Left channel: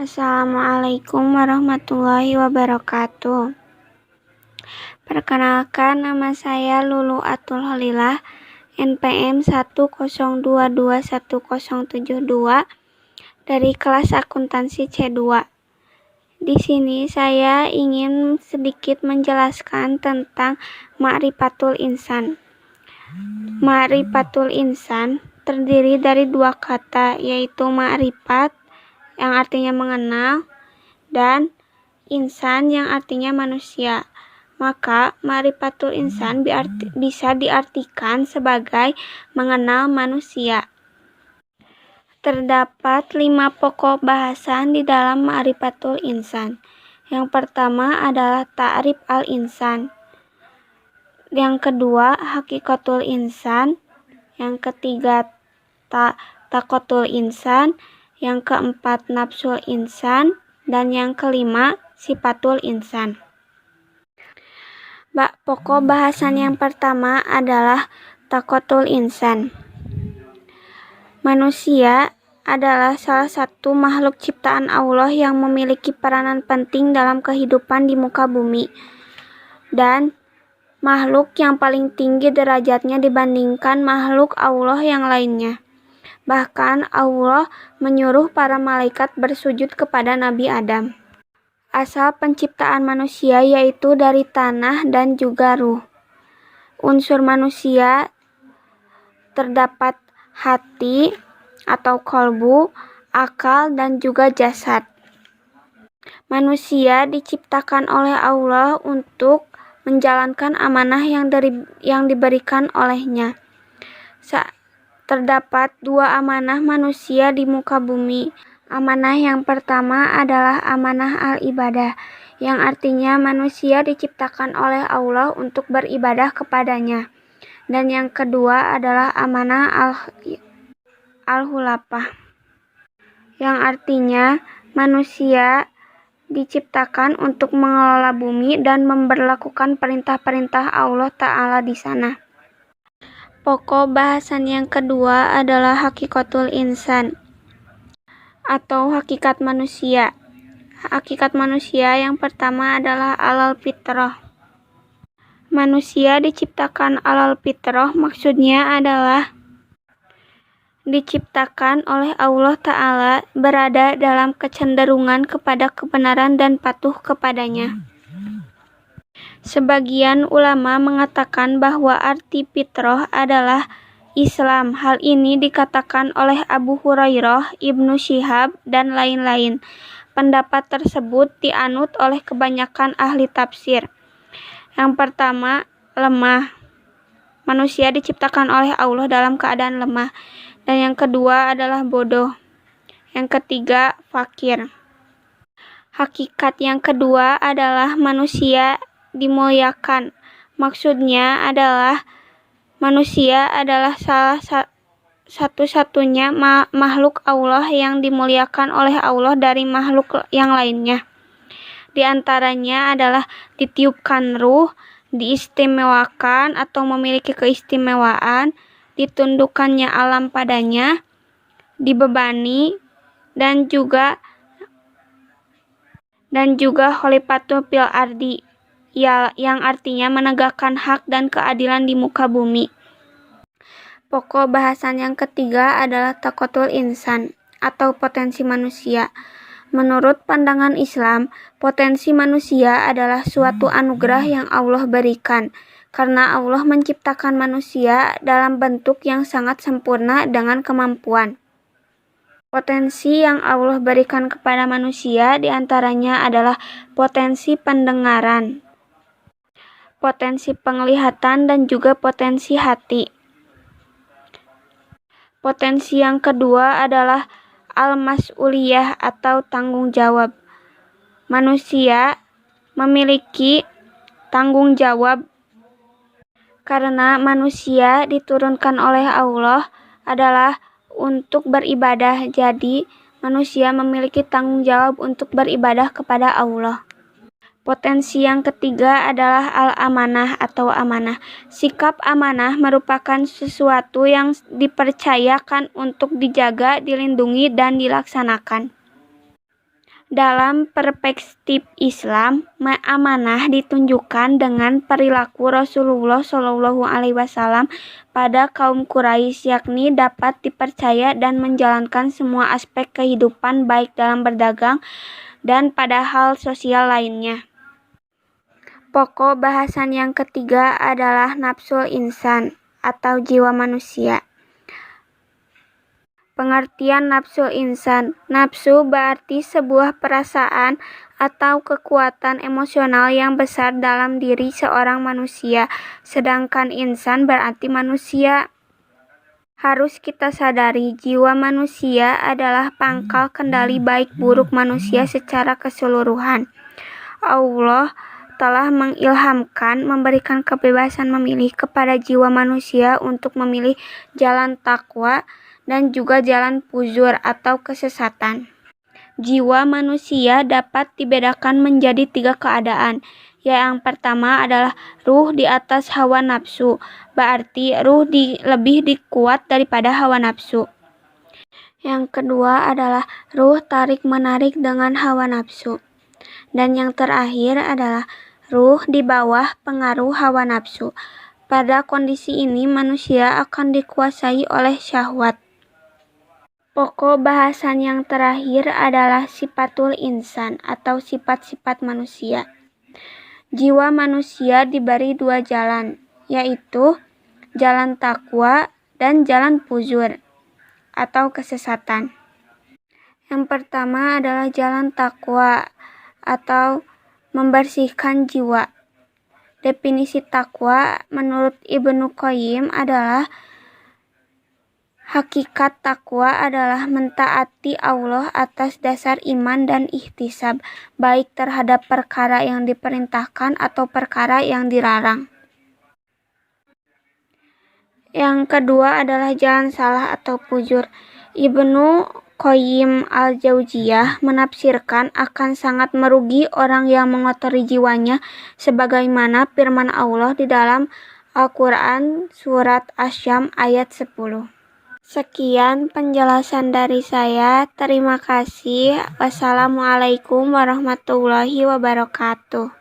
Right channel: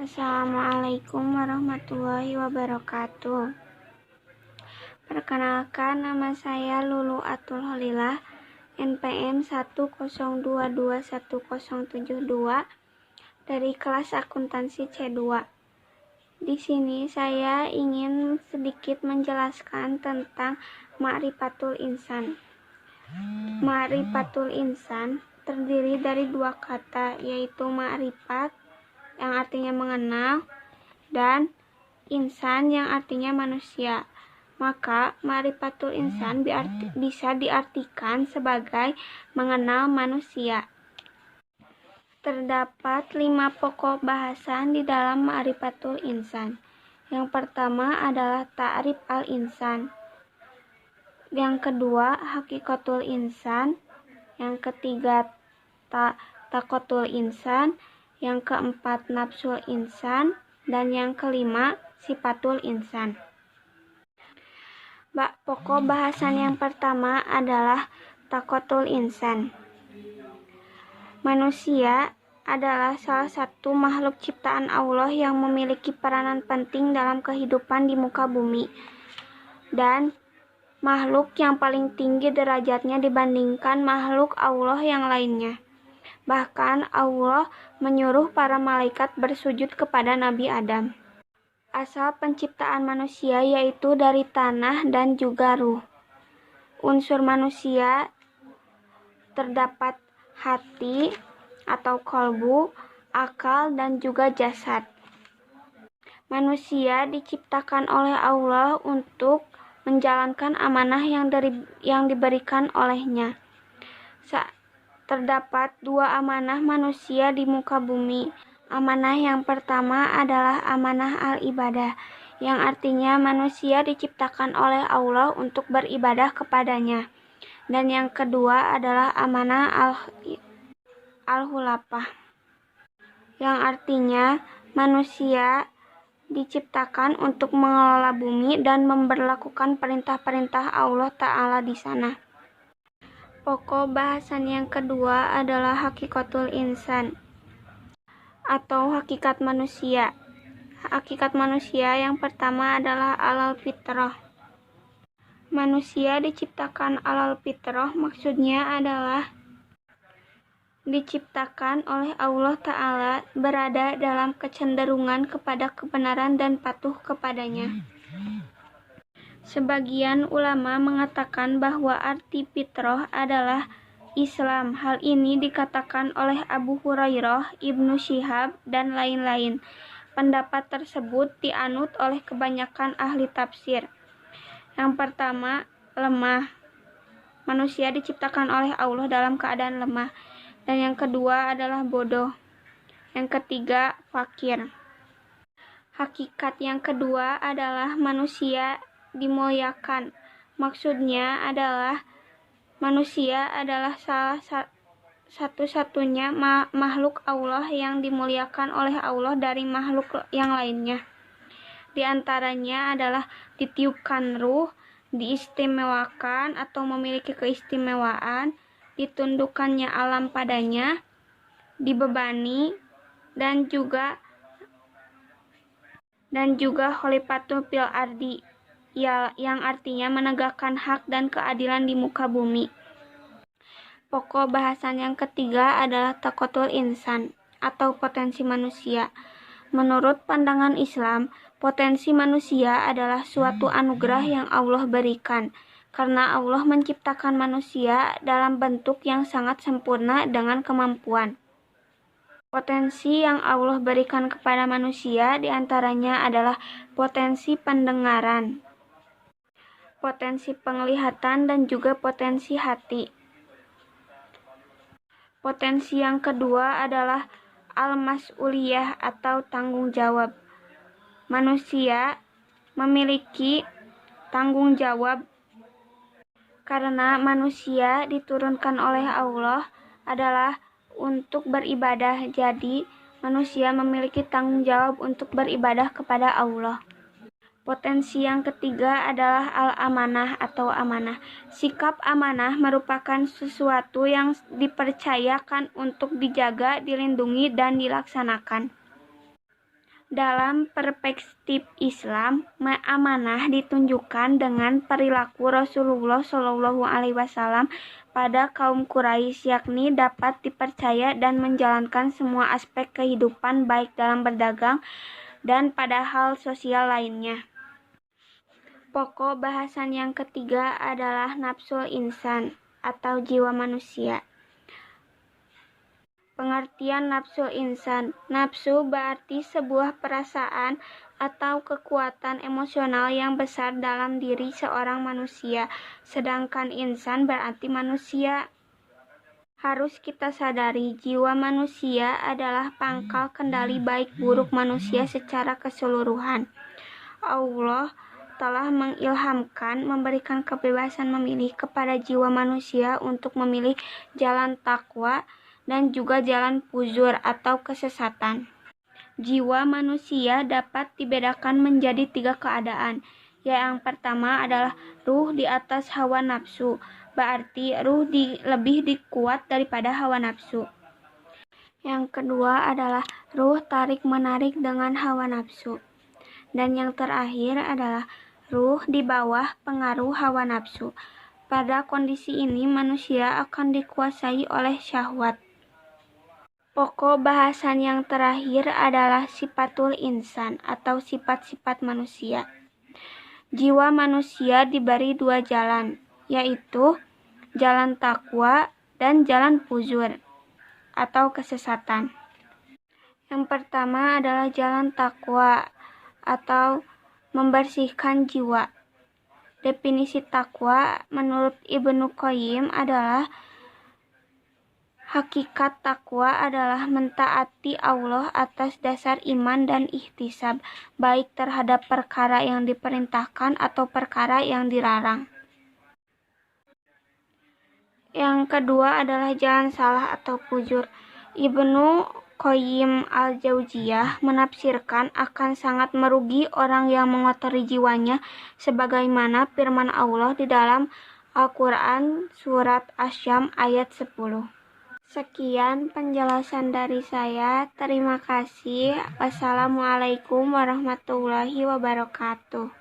Assalamualaikum warahmatullahi wabarakatuh. Perkenalkan, nama saya Lulu Atul Holilah, NPM 102210072 dari kelas akuntansi C2. Di sini saya ingin sedikit menjelaskan tentang Ma'rifatul Insan. Ma'rifatul Insan terdiri dari dua kata, yaitu ma'rifat yang artinya mengenal dan insan yang artinya manusia. Maka ma'rifatul insan bisa diartikan sebagai mengenal manusia. Terdapat 5 pokok bahasan di dalam ma'rifatul insan. Yang pertama adalah ta'rif al-insan. Yang kedua, hakikatul insan. Yang ketiga, taqotul insan. Yang keempat, nafsul insan. Dan yang kelima, sifatul insan. Pokok bahasan yang pertama adalah taqotul insan. Manusia adalah salah satu makhluk ciptaan Allah yang memiliki peranan penting dalam kehidupan di muka bumi, dan makhluk yang paling tinggi derajatnya dibandingkan makhluk Allah yang lainnya. Bahkan Allah menyuruh para malaikat bersujud kepada Nabi Adam. Asal penciptaan manusia yaitu dari tanah dan juga ruh. Unsur manusia terdapat hati atau kolbu, akal, dan juga jasad. Manusia diciptakan oleh Allah untuk menjalankan amanah yang diberikan olehnya. Terdapat 2 amanah manusia di muka bumi. Amanah yang pertama adalah amanah al-ibadah, yang artinya manusia diciptakan oleh Allah untuk beribadah kepadanya. Dan yang kedua adalah amanah al-khulafah, yang artinya manusia diciptakan untuk mengelola bumi dan memberlakukan perintah-perintah Allah Ta'ala di sana. Pokok bahasan yang kedua adalah hakikatul insan atau hakikat manusia. Hakikat manusia yang pertama adalah alal fitrah. Manusia diciptakan alal fitrah, maksudnya adalah diciptakan oleh Allah Ta'ala berada dalam kecenderungan kepada kebenaran dan patuh kepadanya. Sebagian ulama mengatakan bahwa arti fitrah adalah Islam. Hal ini dikatakan oleh Abu Hurairah, Ibnu Syihab, dan lain-lain. Pendapat tersebut dianut oleh kebanyakan ahli tafsir. Yang pertama, lemah. Manusia diciptakan oleh Allah dalam keadaan lemah. Dan yang kedua adalah bodoh. Yang ketiga, fakir. Hakikat yang kedua adalah manusia dimuliakan. Maksudnya adalah manusia adalah salah satu-satunya makhluk Allah yang dimuliakan oleh Allah dari makhluk yang lainnya. Di antaranya adalah ditiupkan ruh, diistimewakan atau memiliki keistimewaan, ditundukkannya alam padanya, dibebani, dan juga khalifatul fil ardi, yang artinya menegakkan hak dan keadilan di muka bumi. Pokok bahasan yang ketiga adalah taqotul insan atau potensi manusia. Menurut pandangan Islam, potensi manusia adalah suatu anugerah yang Allah berikan, karena Allah menciptakan manusia dalam bentuk yang sangat sempurna dengan kemampuan. Potensi yang Allah berikan kepada manusia diantaranya adalah potensi pendengaran, potensi penglihatan, dan juga potensi hati. Potensi yang kedua adalah al-mas'uliyah atau tanggung jawab. Manusia memiliki tanggung jawab karena manusia diturunkan oleh Allah adalah untuk beribadah. Jadi, manusia memiliki tanggung jawab untuk beribadah kepada Allah. Potensi yang ketiga adalah al-amanah atau amanah. Sikap amanah merupakan sesuatu yang dipercayakan untuk dijaga, dilindungi, dan dilaksanakan. Dalam perspektif Islam, amanah ditunjukkan dengan perilaku Rasulullah Shallallahu Alaihi Wasallam pada kaum Quraisy, yakni dapat dipercaya dan menjalankan semua aspek kehidupan baik dalam berdagang dan pada hal sosial lainnya. Pokok bahasan yang ketiga adalah nafsul insan atau jiwa manusia. Pengertian nafsu insan. Nafsu berarti sebuah perasaan atau kekuatan emosional yang besar dalam diri seorang manusia. Sedangkan insan berarti manusia. Harus kita sadari, jiwa manusia adalah pangkal kendali baik buruk manusia secara keseluruhan. Allah telah mengilhamkan, memberikan kebebasan memilih kepada jiwa manusia untuk memilih jalan takwa dan juga jalan fujur atau kesesatan. Jiwa manusia dapat dibedakan menjadi 3 keadaan. Yang pertama adalah ruh di atas hawa nafsu, berarti ruh lebih dikuat daripada hawa nafsu. Yang kedua adalah ruh tarik-menarik dengan hawa nafsu. Dan yang terakhir adalah ruh di bawah pengaruh hawa nafsu. Pada kondisi ini manusia akan dikuasai oleh syahwat. Pokok bahasan yang terakhir adalah sifatul insan atau sifat-sifat manusia. Jiwa manusia diberi 2 jalan, yaitu jalan takwa dan jalan fujur atau kesesatan. Yang pertama adalah jalan takwa atau membersihkan jiwa. Definisi takwa menurut Ibnu Qayyim adalah hakikat takwa adalah mentaati Allah atas dasar iman dan ihtisab, baik terhadap perkara yang diperintahkan atau perkara yang dilarang. Yang kedua adalah jalan salah atau fujur. Ibnu Qayyim al-Jauziyah menafsirkan akan sangat merugi orang yang mengotori jiwanya sebagaimana firman Allah di dalam Al-Quran surat Asy-Syams ayat 10. Sekian penjelasan dari saya. Terima kasih. Wassalamualaikum warahmatullahi wabarakatuh.